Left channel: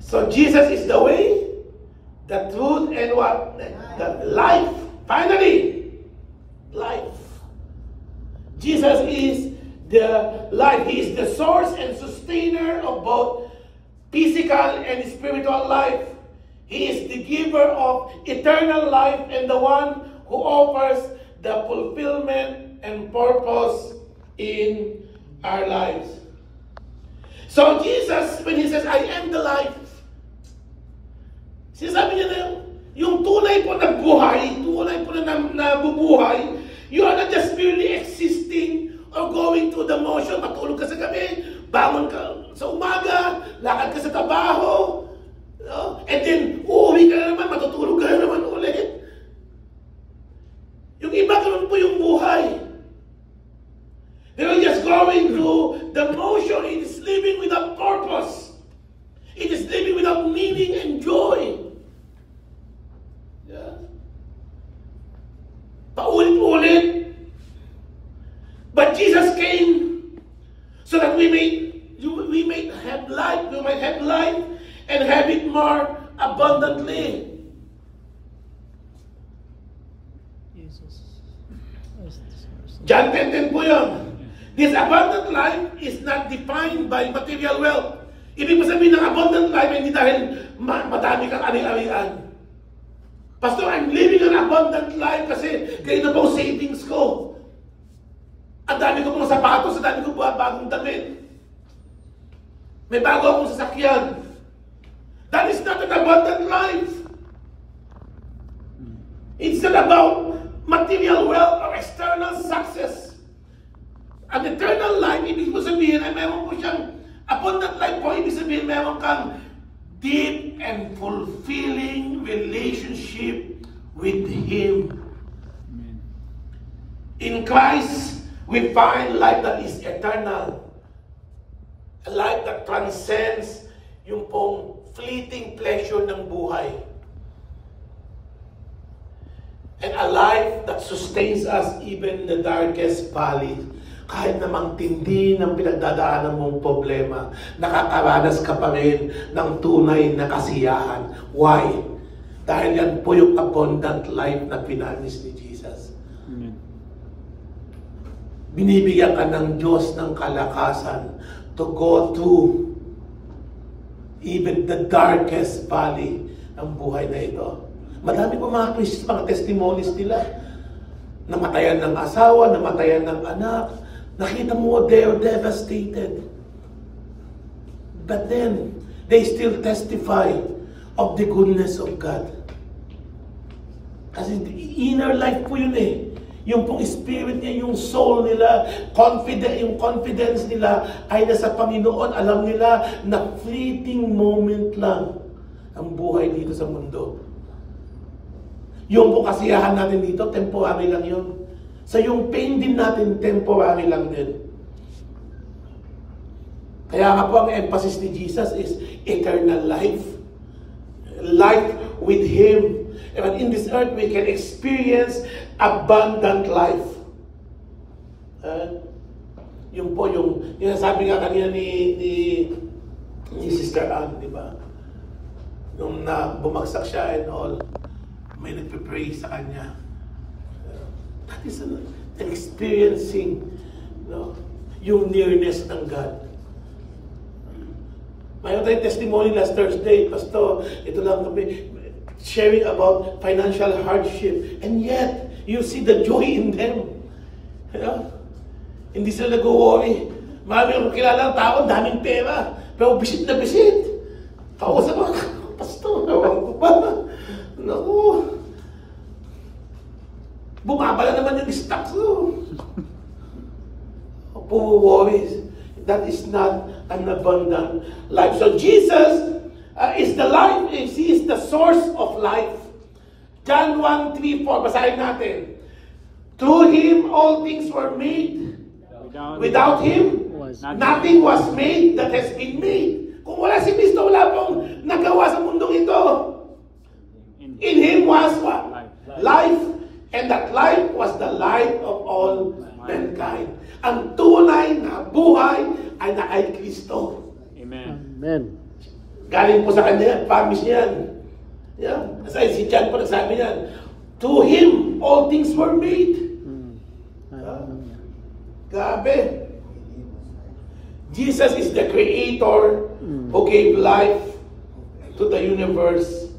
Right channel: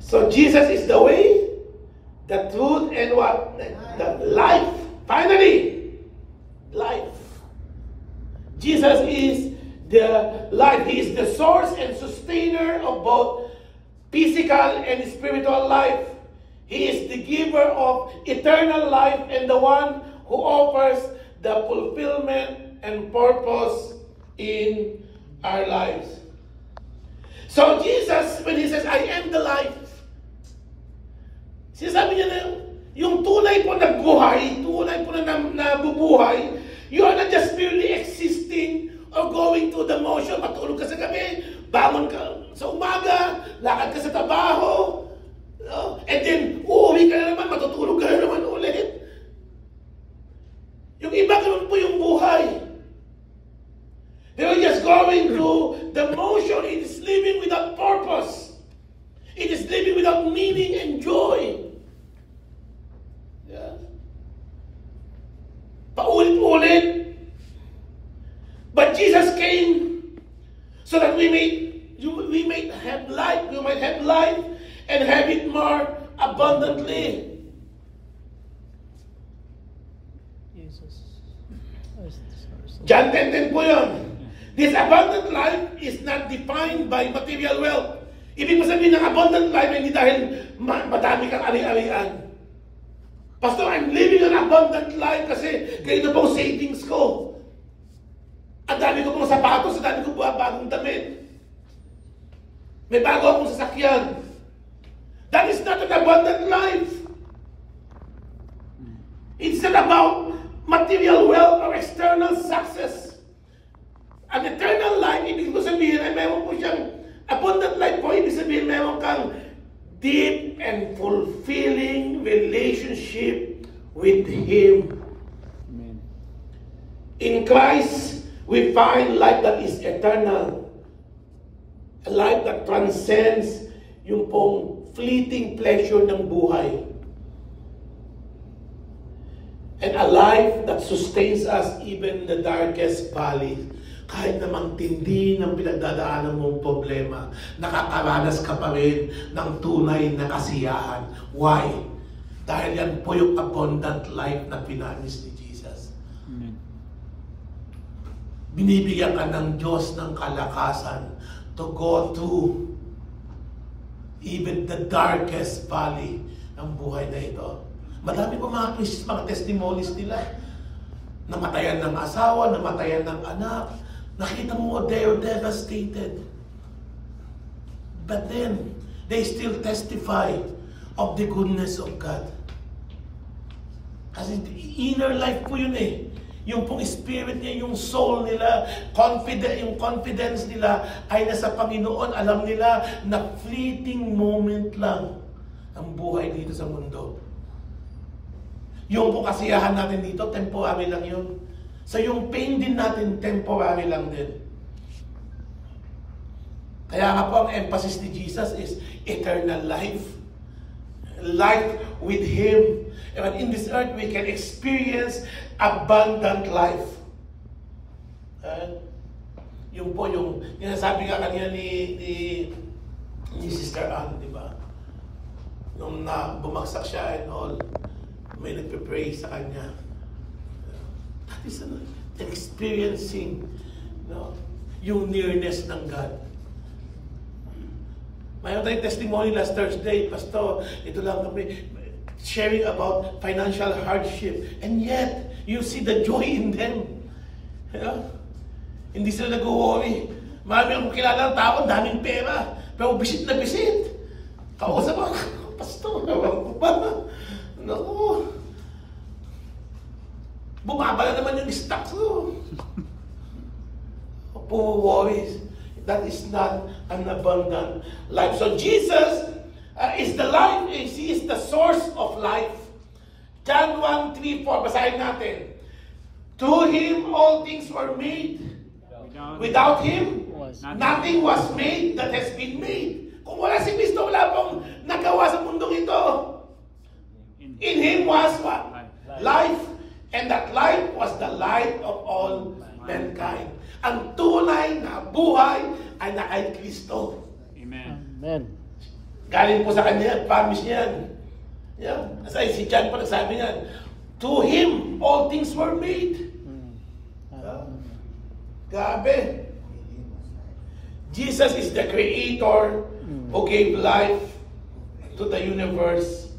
So Jesus is the way, the truth, and what? The life. Finally, life. Jesus is the life. He is the source and sustainer of both physical and spiritual life. He is the giver of eternal life and the one who offers the fulfillment and purpose in our lives. So Jesus, when He says, I am the life, sinasabi niya na yung tunay po na buhay, tunay po na nabubuhay, you are not just merely existing or going through the motion. Matulog ka sa gabi, bangon ka sa umaga, lakad ka sa trabaho, and then uuwi ka na naman, matutulog ka na naman ulit. Yung iba ganun po yung buhay. They're just going through the motion. It is living without purpose. It is living without meaning and joy. Yeah. Paulit-ulit. But Jesus came so that we may have life. We might have life and have it more abundantly. John 10:10 po yun. This abundant life is not defined by material wealth. Ibig mo sabihin ng abundant life hindi dahil madami kang ari-arian. Pastor, I'm living an abundant life kasi ganito po savings ko. Ang dami ko pong sapatos, ang dami ko po bagong damit. May bago akong sasakyan. That is not an abundant life. It's not about material wealth or external success. An eternal life, ibig mo sabihin ay meron po siyang abundant life po, ibig sabihin meron kang deep and fulfilling relationship with Him. Amen. In Christ, we find life that is eternal. A life that transcends yung pong fleeting pleasure ng buhay. And a life that sustains us even in the darkest valley. Kahit namang tindi ng pinagdadaanan mong problema, nakakaranas ka pa rin ng tunay na kasiyahan. Why? Dahil yan po yung abundant life na pinamis ni Jesus. Amen. Binibigyan ka ng Diyos ng kalakasan to go through even the darkest valley ng buhay na ito. Madami po mga testimonies nila. Namatayan ng asawa, namatayan ng anak. Nakita mo, they're devastated. But then, they still testify of the goodness of God. Kasi inner life po yun eh. Yung pong spirit niya, yung soul nila, yung confidence nila ay nasa Panginoon. Alam nila na fleeting moment lang ang buhay dito sa mundo. Yung po kasiyahan natin dito, temporary lang yun. So yung pain din natin, temporary lang din. Kaya nga po ang emphasis ni Jesus is eternal life. Life with Him. And in this earth, we can experience abundant life. Yung po yung sabi nga kanina ni Sister Ann, di ba? Nung bumagsak siya and all, may nagpe-pray sa kanya. That is an experiencing yung nearness ng God. Mayroon tayong testimony last Thursday, Pastor, ito lang kami, sharing about financial hardship. And yet, you see the joy in them. Hindi sila nag-worry. Marami akong kilala ng tao, daming pera, pero bisit na bisit. Kausap ko, Pastor, ewan ko ba? No. Bumabala naman yung stocks mo. Poor worries. That is not an abundant life. So Jesus is the life. He is the source of life. John 1:3-4. Basahin natin. To Him all things were made. Without Him, nothing was made that has been made. Kung wala si Kristo, wala pong nagawa sa mundong ito. In Him was what? Life. And that life was the light of all mankind. Ang tunay na buhay ay na kay Kristo. Amen. Galing po sa kanya, promise niya yan. Yeah. Kasi si John po nagsabi niyan, to Him, all things were made. Grabe. Jesus is the Creator who gave life to the universe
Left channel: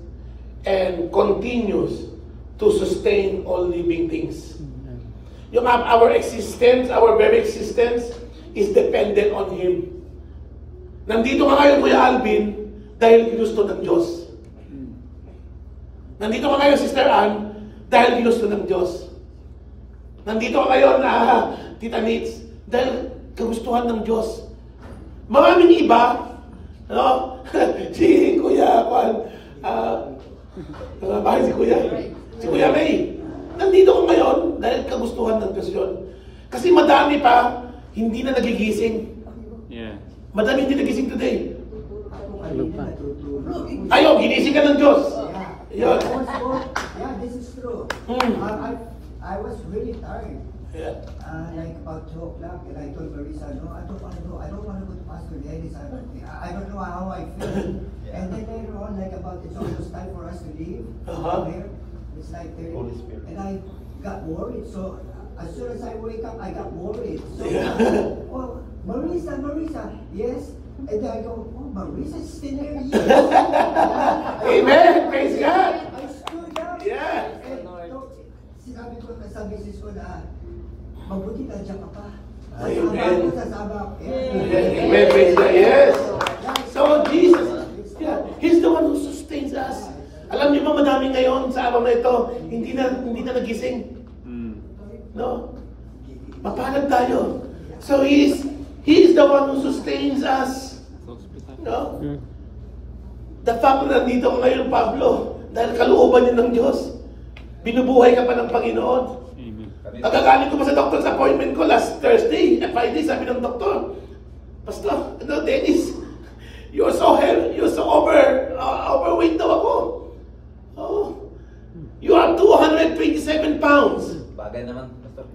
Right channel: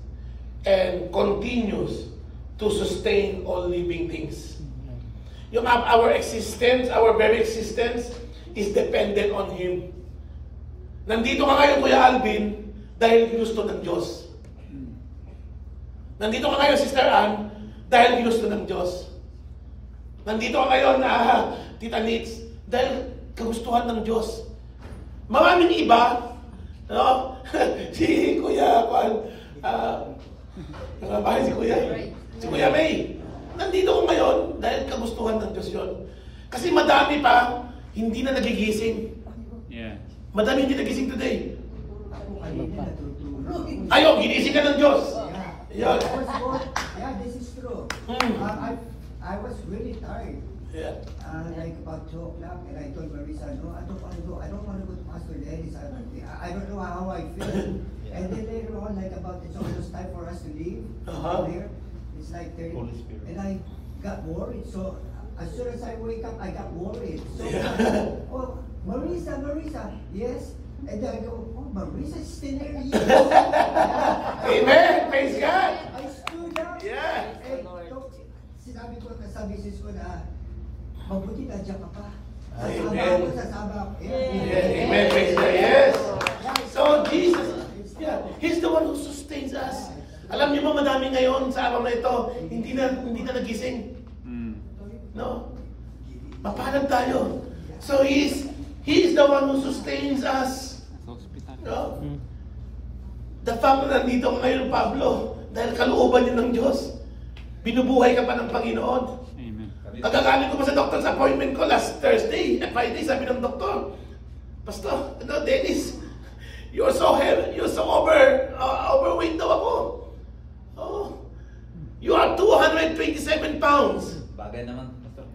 and continues to sustain all living things. Yung our existence, our very existence is dependent on Him. Nandito ka ngayon, Kuya Alvin, dahil ginusto ng Diyos. Nandito ka ngayon, Sister Ann, dahil ginusto ng Diyos. Nandito ka ngayon, Tita Nitz, dahil kagustuhan ng Diyos. Maraming iba, no? Si Kuya Juan, si Kuya Ray, nandito ka ngayon dahil kagustuhan ng Diyos yun. Kasi madami pa, hindi na nagigising. Yeah. Madami hindi nagising today. Ayaw, ginising ka ng Diyos. Yeah. Yeah, this is true. I was really tired. Yeah. Like about 2 o'clock, and I told Marisa, no, I don't want to go. I don't want to go to Pastor Dennis. I don't know how I feel. And then later on, like about it's almost time for us to leave. There, it's like 30, and I got worried. So as soon as I wake up, I got worried. So, oh, Marisa, yes. And then I go, oh, Marisa's still there. Yes. Amen. Praise God. I stood up. Yeah. And sinabi ko sa misis ko na, mabuti na dyan ka pa. Amen. Amen. Praise God. Yes. So Jesus, He's the one who sustains us. Alam niyo ba, madami ngayon sa araw na ito, hindi na nagising. No? Mapalad tayo. So He's the one who sustains us. No? The fact na nandito ka ngayon, Pablo, dahil kalooban niyo ng Diyos, binubuhay ka pa ng Panginoon. Pagkagaling ko pa sa doctor's appointment ko last Thursday, at Friday, sabi ng doktor, Pastor, Dennis, you're so heavy, you're so overweight daw ako. Oh, you are 227 pounds. Bagay naman, Pastor.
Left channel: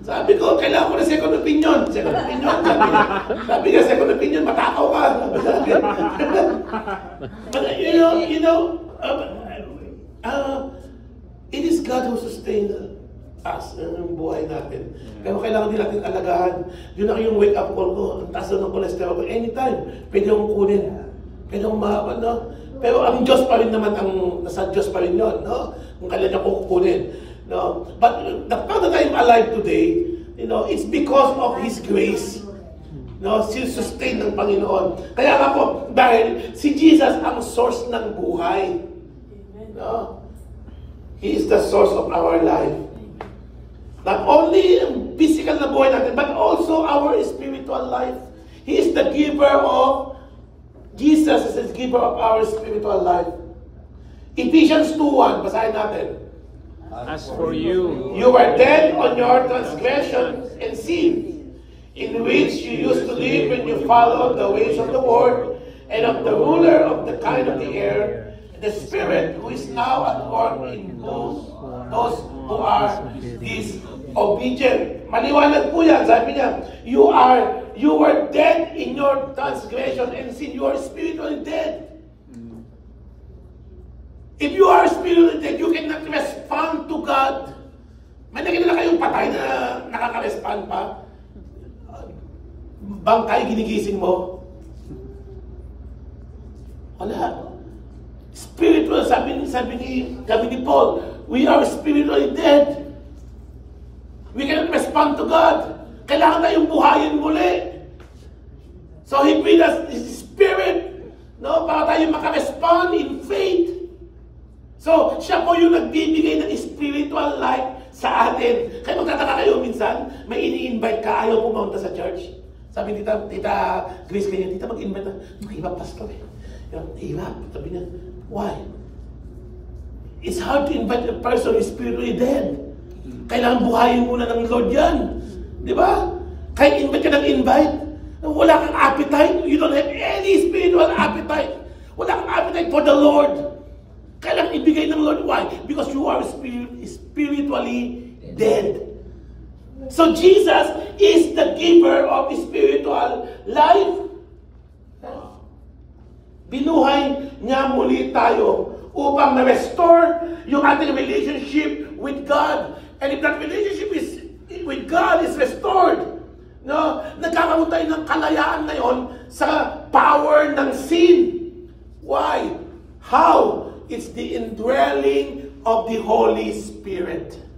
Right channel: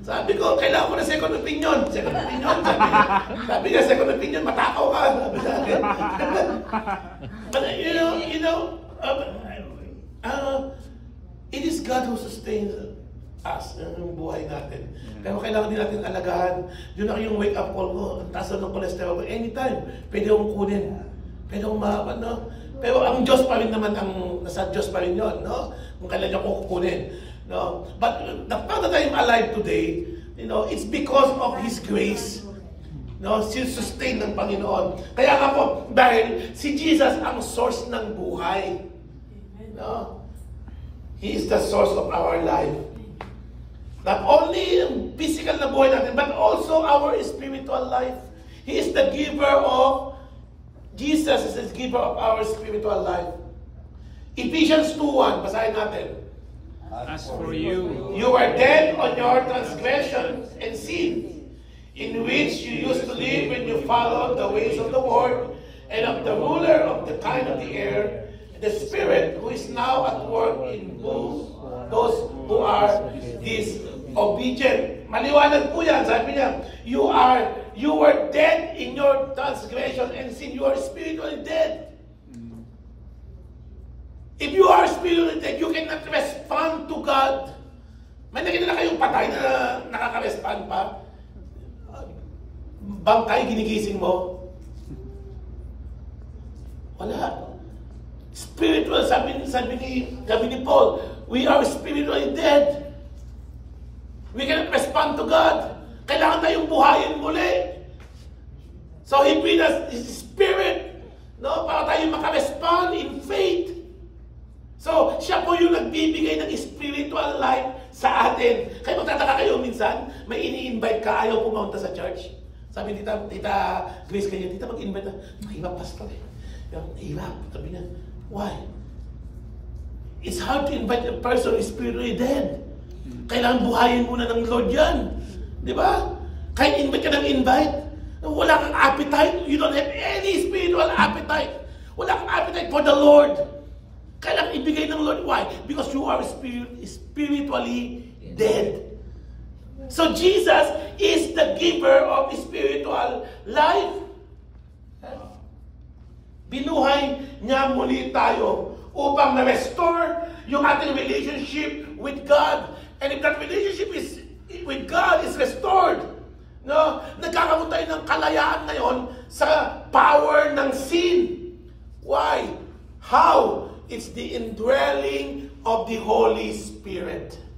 Sabi ko, kailangan ko na second opinion. Second opinion. Sabi niya, second opinion, matakaw ka. But it is God who sustains us, yung buhay natin. Pero kailangan din natin alagahan. Yun na yung wake up call ko. Ang taas ng cholesterol ko. Anytime, pwede akong kunin. Pwede akong makapag, no? Pero ang Diyos pa rin naman, nasa Diyos pa rin yun, no? Kung kailan niya ko kukunin. No? But the fact that I'm alive today, it's because of His grace. No? Sustain ng Panginoon. Kaya nga po, dahil si Jesus ang source ng buhay. No? He is the source of our life. Not only physical na buhay natin, but also our spiritual life. He is the giver of, Jesus is the giver of our spiritual life. Ephesians 2:1, basahin natin. As for you, You were dead on your transgressions and sin, in which you used to live when you followed the ways of the world and of the ruler of the kind of the air, the Spirit who is now at work in those who are disobedient. Maliwanag po yan. Sabi niya, you were dead in your transgression and sin. You are spiritually dead. If you are spiritually dead, you cannot respond to God. May nakita na kayong patay na nakaka-respond pa? Bangkay, ginigising mo? Wala. Spiritual, sabi ni Paul, we are spiritually dead. We cannot respond to God. Kailangan na yung buhayin muli. So He breathed us His Spirit, no, para tayo maka-respond in faith. So, siya po yung nagbibigay ng spiritual life sa atin. Kaya magtataka kayo minsan, may ini-invite ka, ayaw pumunta sa church. Sabi Tita Grace kanya, Tita mag-invite na, mahirap pastor eh. Hirap. Sabi niya, why? It's hard to invite a person who is spiritually dead. Kailangan buhayin muna ng Lord yan. Di ba? Kaya invite ka ng invite. Wala kang appetite. You don't have any spiritual appetite. Wala kang appetite for the Lord. Kailangan ibigay ng Lord. Why? Because you are spiritually dead. So Jesus is the giver of spiritual life. Binuhay niya muli tayo upang ma-restore yung ating relationship with God. And if that relationship with God is restored, no, nagkakaroon tayo ng kalayaan na yon sa power ng sin. Why? How? It's the indwelling of the Holy Spirit.